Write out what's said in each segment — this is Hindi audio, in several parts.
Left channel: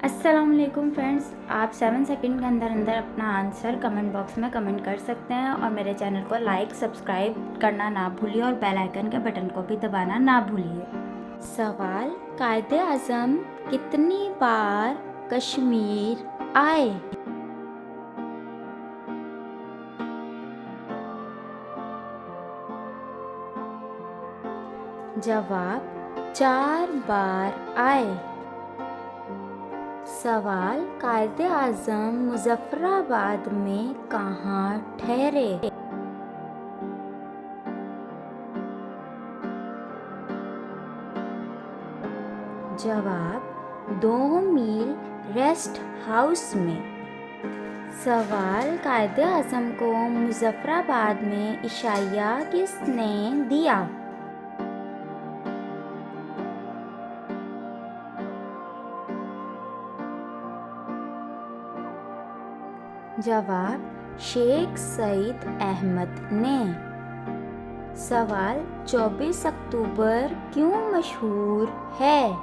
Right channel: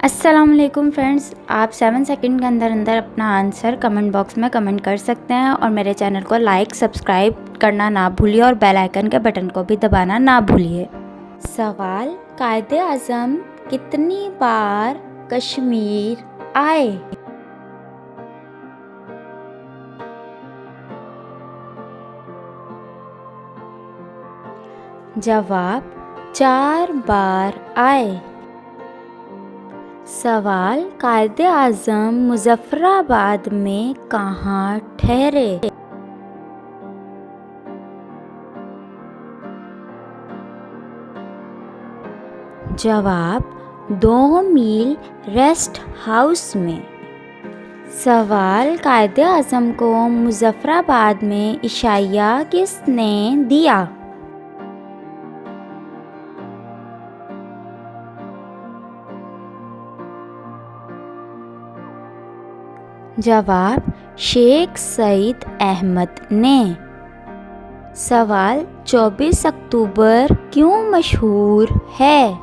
अस्सलामुअलैकुम फ्रेंड्स, आप 7 सेकंड के अंदर अंदर अपना आंसर कमेंट बॉक्स में कमेंट कर सकते हैं और मेरे चैनल को लाइक सब्सक्राइब करना ना भूलिए और बेल आइकन के बटन को भी दबाना ना भूलिए। सवाल, कायदे आज़म कितनी बार कश्मीर आए? जवाब, 4 बार आए। सवाल, कायदे आज़म मुज़फ़्फ़राबाद में कहाँ ठहरे? जवाब, 2 मील रेस्ट हाउस में। सवाल, कायदे आज़म को मुज़फ़्फ़राबाद में इशाया किसने दिया? जवाब, शेख सईद अहमद ने। सवाल, 24 अक्टूबर क्यों मशहूर है?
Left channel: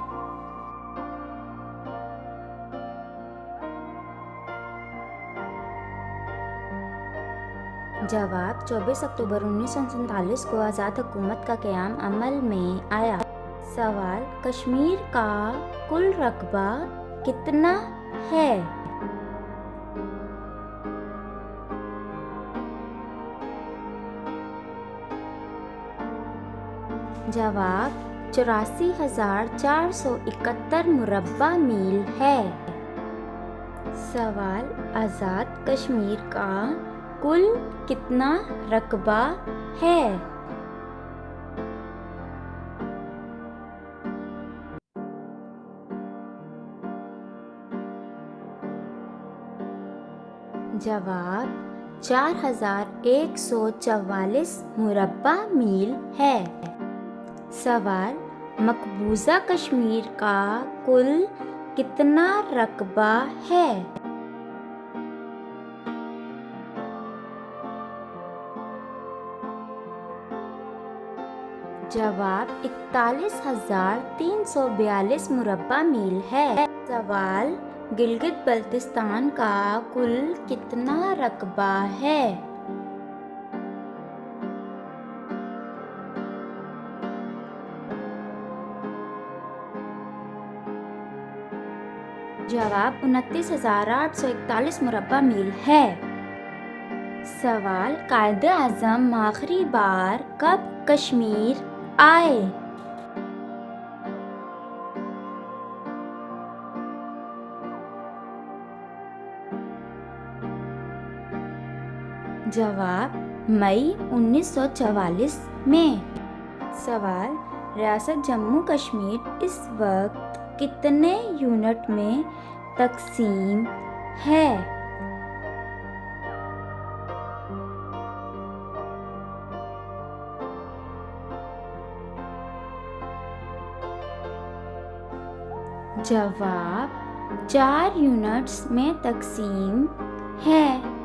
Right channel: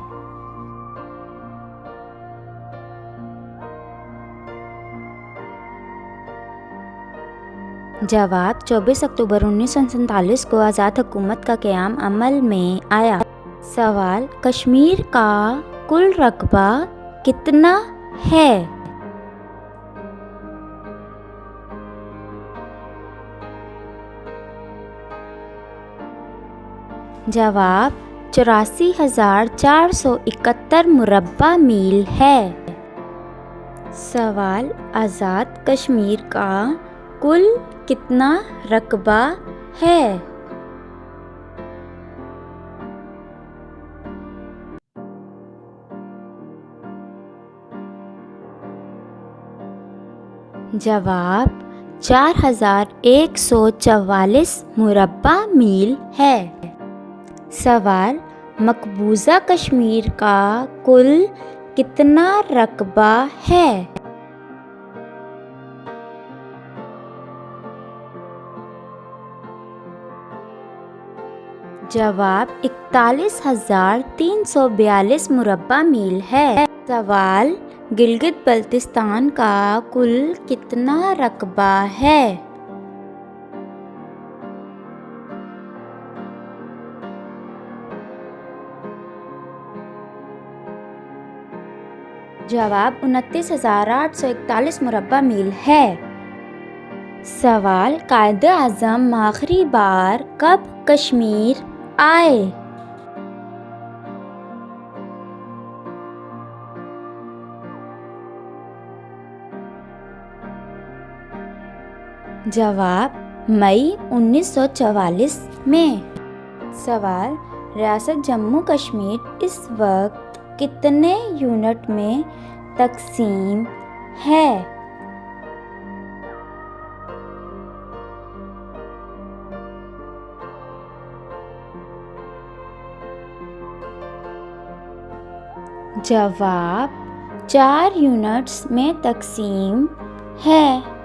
जवाब, 24 अक्टूबर 1947 को आज़ाद हुकूमत का क़याम अमल में आया। सवाल, कश्मीर का कुल रकबा कितना है? जवाब, 84,471 मुरब्बा मील है। सवाल, आज़ाद कश्मीर का कुल कितना रकबा है? जवाब, 4,144 मुरब्बा मील है। सवाल, मकबूजा कश्मीर का कुल कितना रकबा है? जवाब, 41,342 मुरब्बा मील है। सवाल, गिलगित बल्तिस्तान का कुल कितना रकबा है? जवाब, 29,841 मुरब्बा मील है। सवाल, कायदे आज़म आखिरी बार कब कश्मीर आए? जवाब, मई 1944 में। सवाल, रियासत जम्मू कश्मीर इस वक्त कितने यूनिट में तकसीम है? जवाब, 4 यूनिट्स में तकसीम है।